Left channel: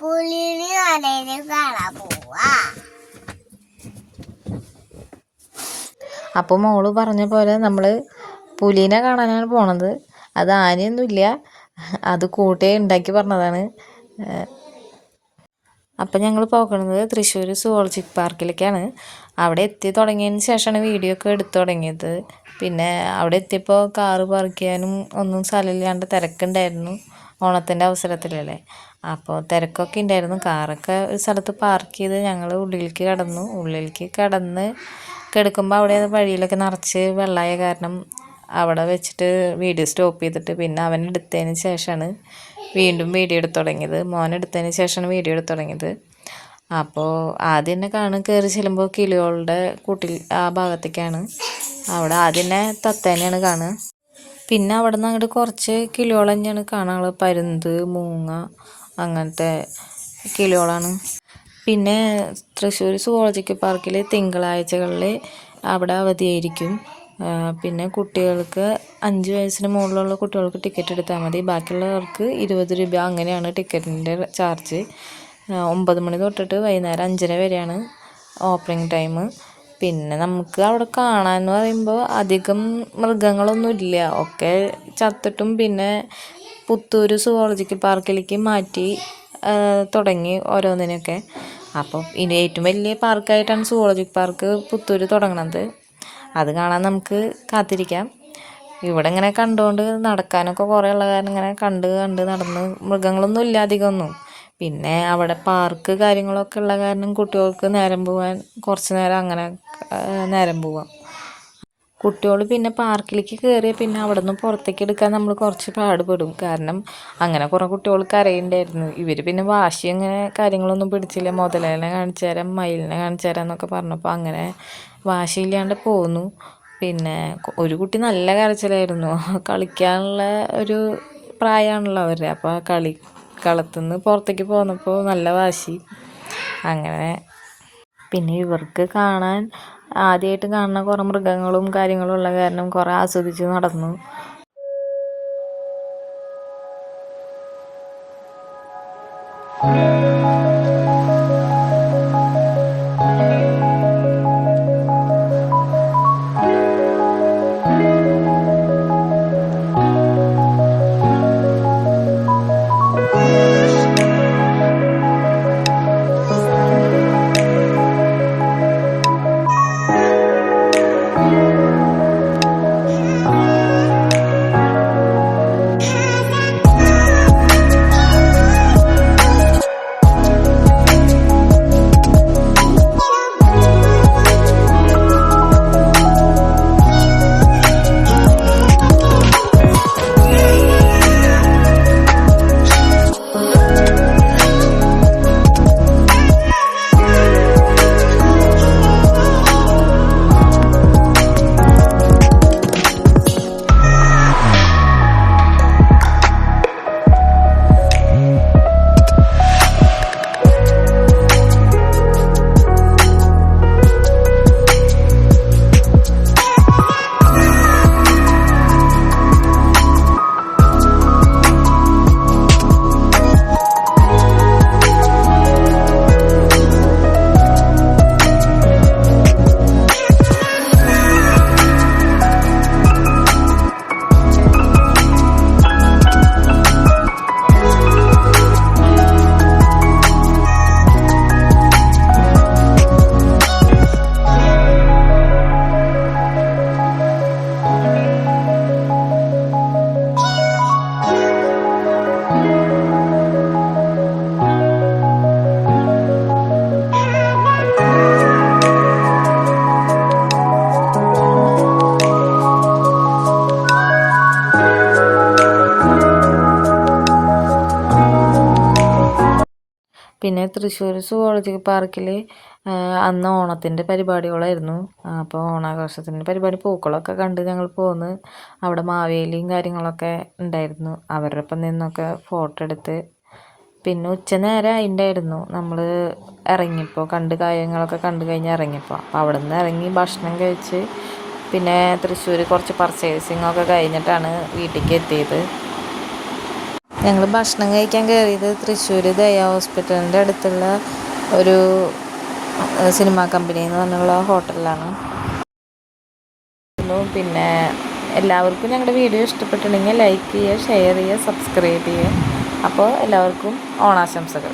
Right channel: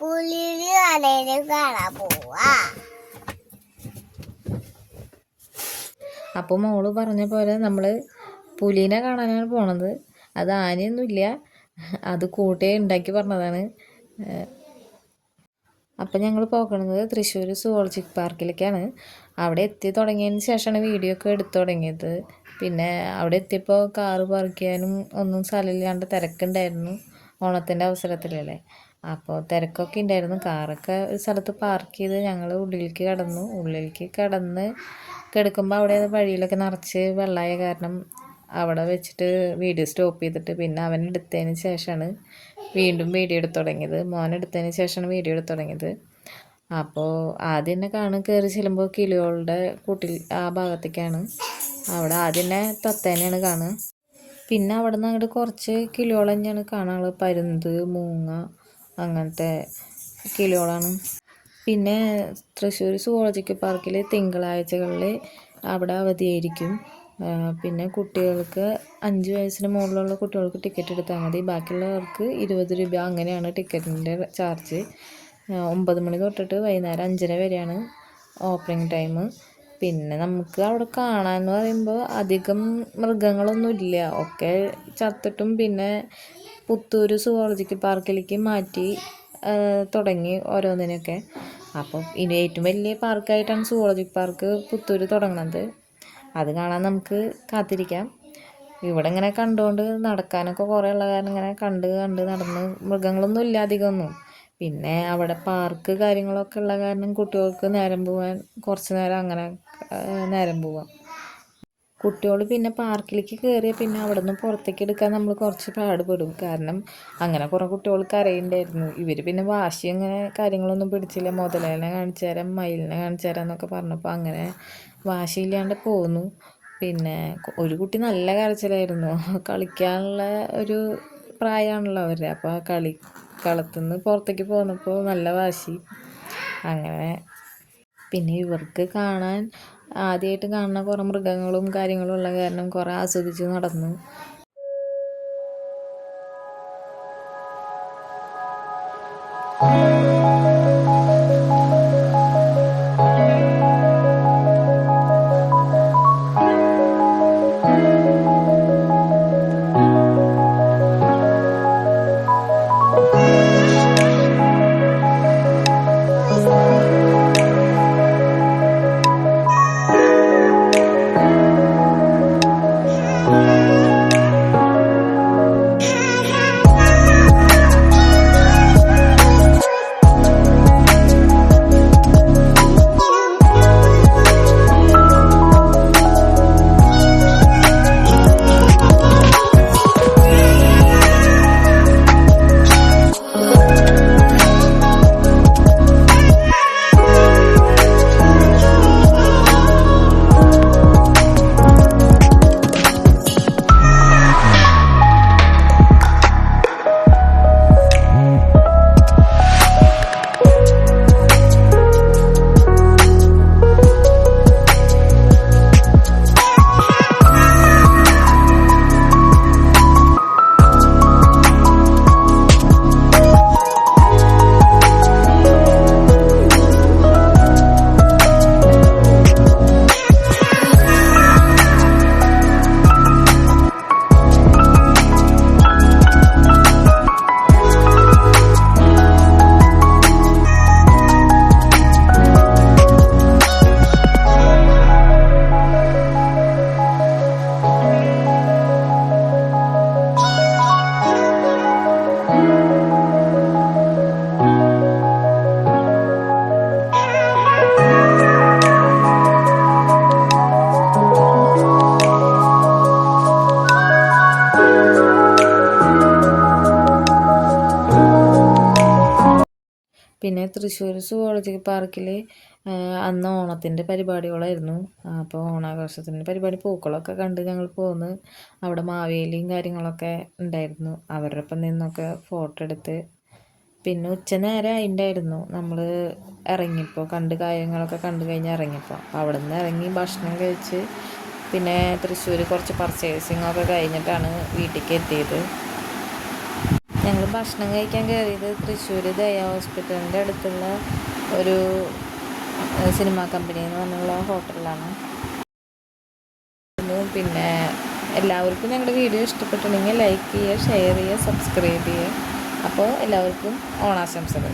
പുലിനെ ആനേനെ കാണാൻ പോവാ. അപ്പോൾ മോള് പറഞ്ഞ പോലെ നമ്മൾ പുലീനെ കാണാനാണ് പോണത്. അത് ആനയൊന്നുമില്ല, അത് കൂട്ടേ ഉണ്ടാക്കി പറഞ്ഞതാണ്. അപ്പം ഞങ്ങൾ പോകുന്നത് തൃശ്ശൂർ സുവോളജിക് പാർക്കിലേക്കാണ്. അവിടെ എത്തി തുടങ്ങിയതിന് ശേഷമാണ് വീഡിയോ ഒക്കെ എടുത്തു തുടങ്ങിയത്. പിന്നെ അവിടെ എത്തിയപ്പോൾ കാറ് പാർക്ക് ചെയ്യാനും ഒന്നും സ്ഥലമില്ലാണ്ട് തിരക്കുണ്ടായിരുന്നു. ഓണത്തിൻ്റെ അവസരത്തിലല്ലേ, അപ്പോൾ തിരക്കൊക്കെ ഉണ്ടായിരുന്നു. കാറൊക്കെ ഒരു സ്ഥലത്ത് പാർക്ക് ചെയ്ത് ഞങ്ങൾ ഉള്ളിലേക്ക് കടന്നു. ഉള്ളിലേക്ക് കിടക്കുമ്പോൾ അവിടെ വഴിയിലൊക്കെ നിറച്ച് വെള്ളമായ കാരണം അവിടെ വെച്ചിട്ട് വീഡിയോ സ്റ്റോപ്പ് ചെയ്തിട്ട് പിന്നെ അവൻ എടുത്തതിന് ശേഷമാണ് വീണ്ടും വീഡിയോ എടുത്ത് തുടങ്ങിയത്. മോൻ എടുത്തതിന് ശേഷമാണ് വീഡിയോ എടുത്ത് തുടങ്ങിയത്. അപ്പോൾ ആദ്യം തന്നെ കയറി ചെല്ലുമ്പോൾ കിളികളുടെ കൂട്ടിൽ ആ ഭാഗത്തേക്കാണ്. അവിടെ ആദ്യം തന്നെ തത്തേനെയാണ് കാണുക. പിന്നെ അവിടെ നിന്ന് അങ്ങോട്ട് കുറച്ച് കിളികൾ തന്നെയാണ് കാണാനുള്ളത്. പരുന്ത്, മൂങ്ങ, അങ്ങനത്തെ കിളികളാണ്. പിന്നെ തൃശ്ശൂർ സുവോളജിക്കൽ പാർക്കിൽ തിങ്കളാഴ്ചകളിൽ അവിടെ അവധിയായിരിക്കും. പിന്നെ കുട്ടികൾക്ക് 5 വയസ്സിന് മുകളിലുള്ള കുട്ടികൾക്ക് ടിക്കറ്റ് എടുത്താൽ മതി. ബാക്കിയുള്ളവർക്ക് 20 രൂപ അങ്ങനെയാണ് ടിക്കറ്റിൻ്റെ ചാർജ്. 9 മണി തൊട്ടിട്ട് വൈകുന്നേരം 5:30 വരെയാണ് ഓപ്പണിംഗ് ടൈം. പിന്നെ നമുക്ക് അവിടെ കാണാമെന്ന് പറയുമ്പോൾ അധികം മൃഗങ്ങളൊന്നുമില്ല, ഒക്കെ ചത്തിട്ടും പിന്നെ പുത്തൂർ സുവോളജിക്കൽ പാർക്കിലേക്ക് മാറ്റി തുടങ്ങി ഓരോന്നിനൊക്കെ. അപ്പം ഇനി ഏറ്റവും വലിയ പാർക്കായിട്ടാണ് സുവോളജിക് പാർക്ക് പുത്തൂർ തുടങ്ങണത്. അത് കാണാൻ നമുക്ക് കാത്തിരിക്കാം. ഇവിടെ ഇങ്ങനെ കണ്ടുകൊണ്ട് നടക്കാനൊക്കെ കുറേ ഉള്ള കാരണം ഇങ്ങനെ കണ്ട് നടന്ന് മൃഗങ്ങളൊന്നും ഇല്ല അധികമൊന്നും. പിന്നെ അവിടെ പാർക്ക് കാര്യങ്ങളൊക്കെ ഉള്ള കാരണം കുട്ടികൾക്ക് നേരം പോകാൻ കുറച്ച് നേരം അങ്ങനെ നേരം പോവാം. കുട്ടികൾ പിന്നെ പാർക്കിലേക്ക് കയറിയ പിന്നെ അവിടെ നിന്ന് പുറത്തേക്ക് എടുക്കാൻ നമ്മൾ കുറച്ച് പാടുപെടും. കാരണം അങ്ങനെ കുറേ കുട്ടികൾ കരയുണ്ടായിരുന്നു. ഇവർ പിന്നെ വാശി അങ്ങനെ കാര്യങ്ങളൊന്നും പിടിച്ചില്ല. മുതലേനെ കാണിച്ചു തരാം, മയിലിനെ കാണിച്ചു തരാം എന്നൊക്കെ പറഞ്ഞപ്പോൾ അങ്ങനെ വാശിയില്ലാണ്ട് പോന്നു. പിന്നെ ഒരു കുട്ടി നല്ല കരച്ചിലായിരുന്നു. കളിക്കാനുള്ള ഒരു പ്രായമാണല്ലോ അവരുടെ. അപ്പോൾ കളത്തുനിന്ന് പുറത്തേക്ക് പോന്നപ്പോൾ നല്ല വാശി. അങ്ങനെ പിന്നെ ഇവർക്ക് കാണാൻ ആദ്യമായിട്ട് കാണുന്ന കുറേ മൃഗങ്ങളും കാര്യങ്ങളും ഉള്ള കാരണം കുറേ ആസ്വദിച്ച് നടന്നു. പിന്നെ തൃശ്ശൂർ സുവോളജിക്കൽ പാർക്കിൽ അന്ന് ഓണത്തിൻ്റെ പരിപാടികളായിരുന്നു. അപ്പോൾ ഓണാഘോഷത്തിൻ്റെ പരിപാടി പൂക്കളൊക്കെ കണ്ട് ഞങ്ങൾ പോന്ന്. അവിടെ മാവേലിയും കാര്യങ്ങളൊക്കെ ഉണ്ടായിരുന്നു. അവരുടെ ഒപ്പം നിന്നൊക്കെ ഫോട്ടോ എടുത്ത് പിന്നെ ഉച്ചനേരം അതിൻ്റെയായിരുന്നു. നമ്മൾ ഇറങ്ങിയപ്പോൾ കാര്യങ്ങളൊക്കെ കണ്ടു കഴിഞ്ഞ് ഇറങ്ങിയപ്പോൾ അപ്പോൾ അവിടെ നിന്ന് ഇറങ്ങി ഭക്ഷണം കഴിച്ച് പിന്നെ തൃശ്ശൂർ കുറച്ച് പർച്ചേസിങ്ങൊക്കെ കഴിഞ്ഞിട്ടാണ് വീട്ടിലേക്ക് എത്തിയത്. ഞങ്ങൾ ഭക്ഷണം കഴിക്കാൻ കയറിയത് തൃശ്ശൂർ ദയ ഹോസ്പിറ്റലിൻ്റെ അടുത്തുള്ള ഒരു സിനിമാ കമ്പനി എന്ന് പറഞ്ഞുള്ള ഹോട്ടലിലാണ്. പിന്നെ എല്ലാവർക്കും ഞങ്ങളുടെ വീഡിയോ ഇഷ്ടപ്പെട്ടിട്ടുണ്ടെങ്കിൽ ലൈക്ക് ചെയ്യുക, ഷെയർ ചെയ്യുക, സബ്സ്ക്രൈബ് ചെയ്യുക. അപ്പോൾ എല്ലാവർക്കും ഓണാശംസകൾ.